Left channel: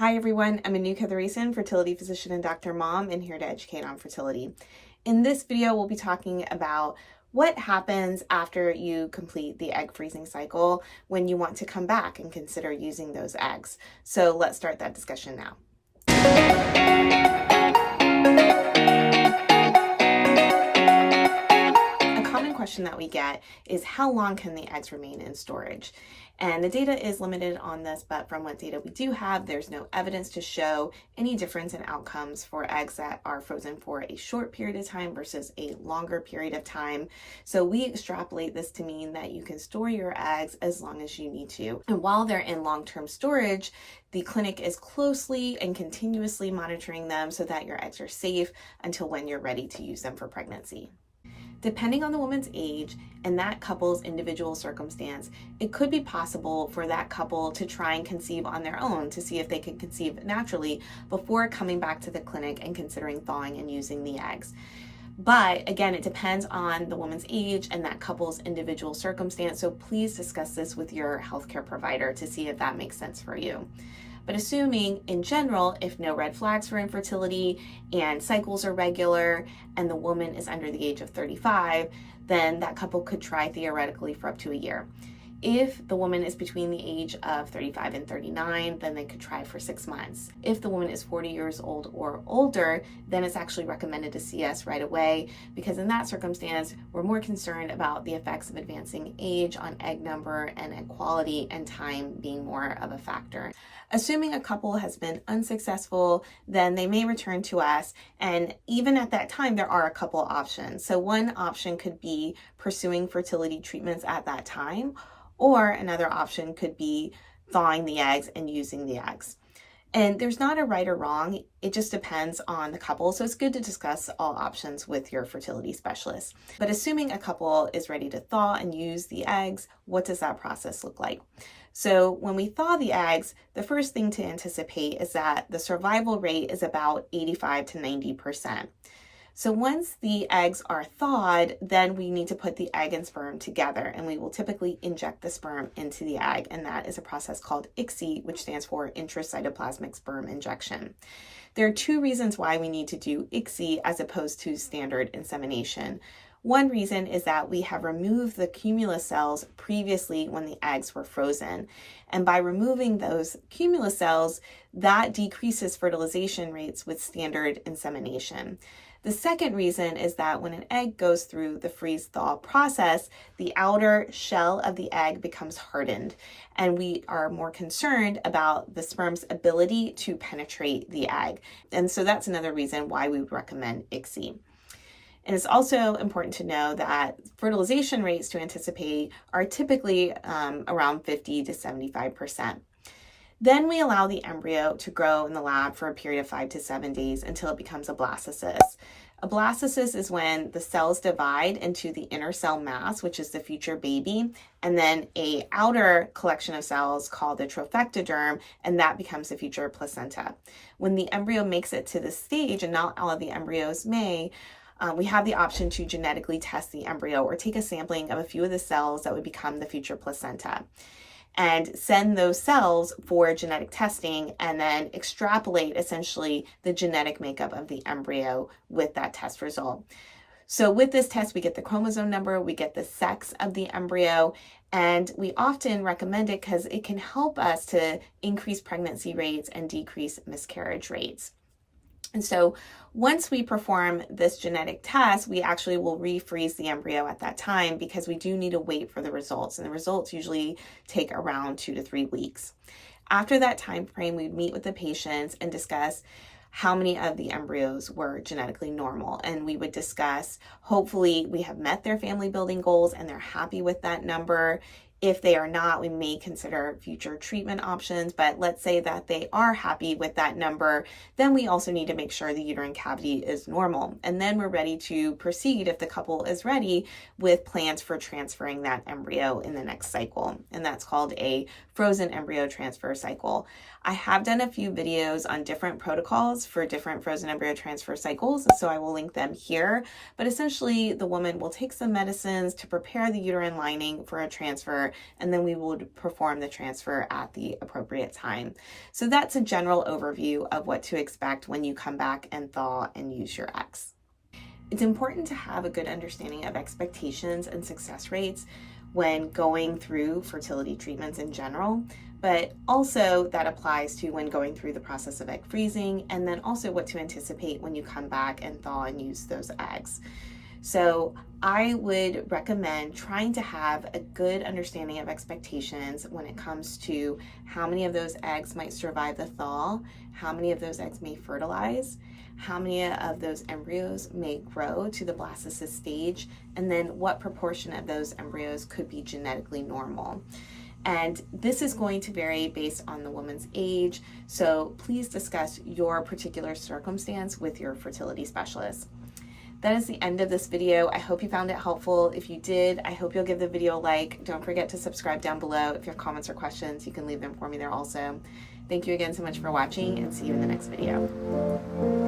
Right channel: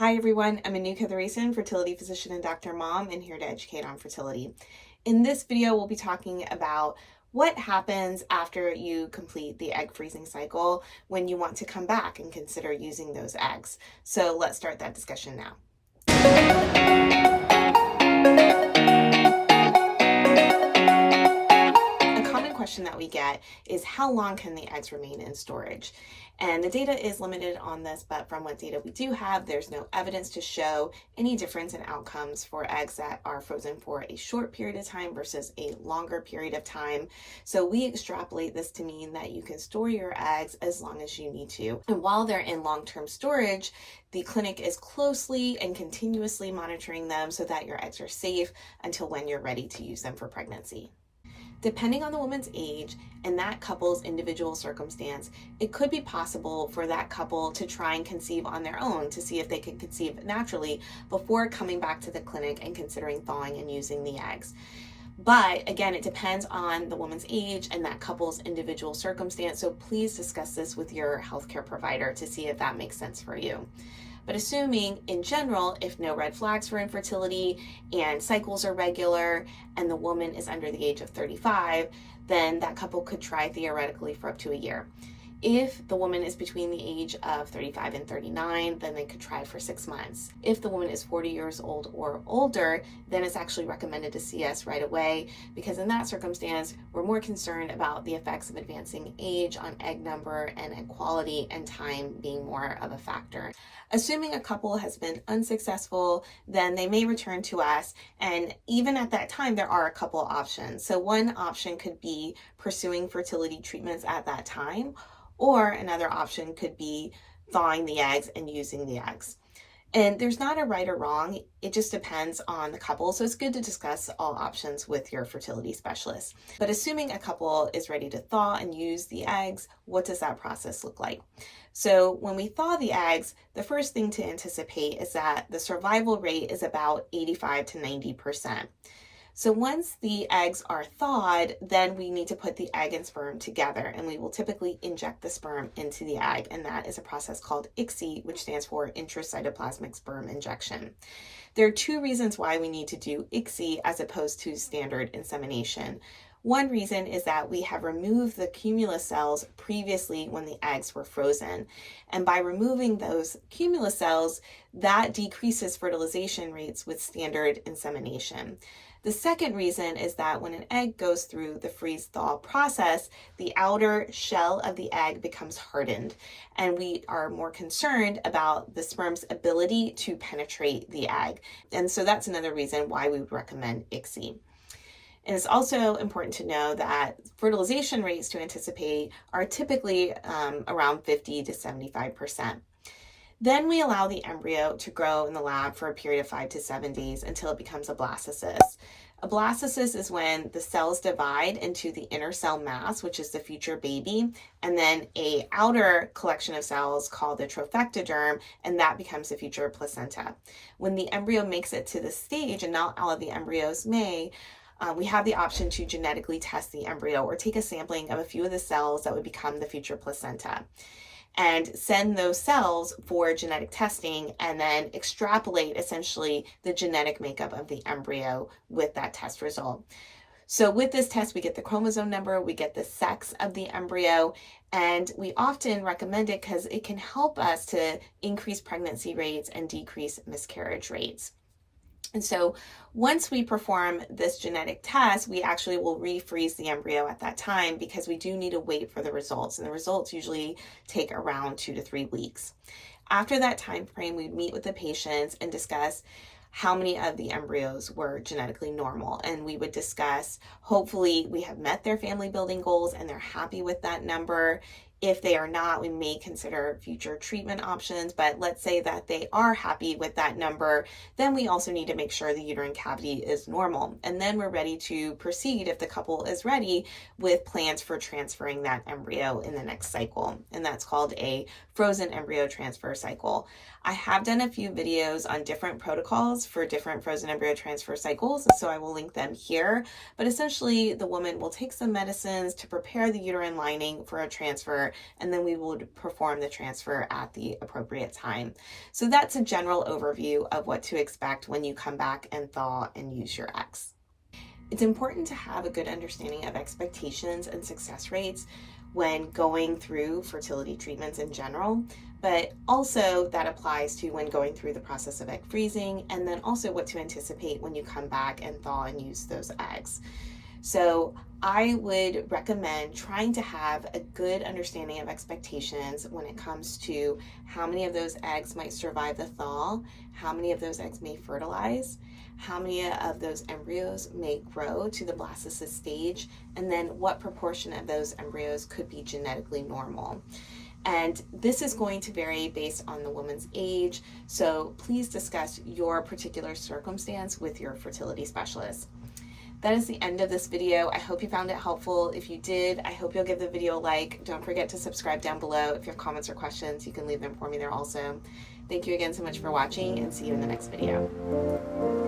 Hi everyone, I'm Anu Kathiresan, fertility physician and Dr. Mom, and here to educate on fertility. In this video, we'll be talking about what happens after you complete the egg freezing cycle when you want to come back and consider using those eggs. So let's start that discussion now. A common question that we get is how long can the eggs remain in storage? And the data is limited on this, but from what data we do have, there's no evidence to show any difference in outcomes for eggs that are frozen for a short period of time versus a longer period of time. So we extrapolate this to mean that you can store your eggs as long as you need to. And while they're in long-term storage, the clinic is closely and continuously monitoring them so that your eggs are safe until when you're ready to use them for pregnancy. Depending on the woman's age and that couple's individual circumstance, it could be possible for that couple to try and conceive on their own to see if they can conceive naturally before coming back to the clinic and considering thawing and using the eggs. But again, it depends on the woman's age and that couple's individual circumstance, so please discuss this with your healthcare provider to see if that makes sense for you. But assuming in general, if no red flags for infertility and cycles are regular and the woman is under the age of 35, then that couple could try theoretically for up to a year. If the woman is between the age of 35 and 39, then they could try for 6 months. If the woman is 40 years old or older, then it's actually recommended to see us right away, because in that circumstance, we're more concerned about the effects of advancing age on egg number and egg quality, and time being more of a factor. Assuming a couple has been unsuccessful, then they may return to us, and even at that time, there are a couple options. So one option could be pursuing fertility treatments at that time, or another option could be thawing the eggs and using the eggs. And there's not a right or wrong, it just depends on the couple. So it's good to discuss all options with your fertility specialist. But assuming a couple is ready to thaw and use the eggs, what does that process look like? So when we thaw the eggs, the first thing to anticipate is that the survival rate is about 85 to 90%. So once the eggs are thawed, then we need to put the egg and sperm together, and we will typically inject the sperm into the egg, and that is a process called ICSI, which stands for intracytoplasmic sperm injection. There are two reasons why we need to do ICSI as opposed to standard insemination. One reason is that we have removed the cumulus cells previously when the eggs were frozen. And by removing those cumulus cells, that decreases fertilization rates with standard insemination. The second reason is that when an egg goes through the freeze-thaw process, the outer shell of the egg becomes hardened, and we are more concerned about the sperm's ability to penetrate the egg. And so that's another reason why we would recommend ICSI. And it's also important to know that fertilization rates to anticipate are typically around 50 to 75%. Then we allow the embryo to grow in the lab for a period of 5 to 7 days until it becomes a blastocyst. A blastocyst is when the cells divide into the inner cell mass, which is the future baby, and then an outer collection of cells called the trophectoderm, and that becomes the future placenta. When the embryo makes it to this stage, and not all of the embryos may, we have the option to genetically test the embryo or take a sampling of a few of the cells that would become the future placenta and send those cells for genetic testing, and then extrapolate essentially the genetic makeup of the embryo with that test result. So with this test, we get the chromosome number, we get the sex of the embryo, and we often recommend it because it can help us to increase pregnancy rates and decrease miscarriage rates. And so once we perform this genetic test, we actually will refreeze the embryo at that time, because we do need to wait for the results. And the results usually take around 2 to 3 weeks. After that time frame, we meet with the patients and discuss how many of the embryos were genetically normal. And we would discuss, hopefully we have met their family building goals and they're happy with that number. If they are not, we may consider future treatment options, but let's say that they are happy with that number, then we also need to make sure the uterine cavity is normal. And then we're ready to proceed, if the couple is ready, with plans for transferring that embryo in the next cycle. And that's called a frozen embryo transfer cycle. I have done a few videos on different protocols for different frozen embryo transfer cycles, so I will link them here. But essentially, the woman will take some medicines to prepare the uterine lining for a transfer, and then we would perform the transfer at the appropriate time. So that's a general overview of what to expect when you come back and thaw and use your eggs. It's important to have a good understanding of expectations and success rates when going through fertility treatments in general, but also that applies to when going through the process of egg freezing, and then also what to anticipate when you come back and thaw and use those eggs. So I would recommend trying to have a good understanding of expectations when it comes to how many of those eggs might survive the thaw, how many of those eggs may fertilize, how many of those embryos may grow to the blastocyst stage, and then what proportion of those embryos could be genetically normal. And this is going to vary based on the woman's age, so please discuss your particular circumstance with your fertility specialist. That is the end of this video. I hope you found it helpful. If you did, I hope you'll give the video a like. Don't forget to subscribe down below. If you have comments or questions, you can leave them for me there also. Thank you again so much for watching, and see you in the next video.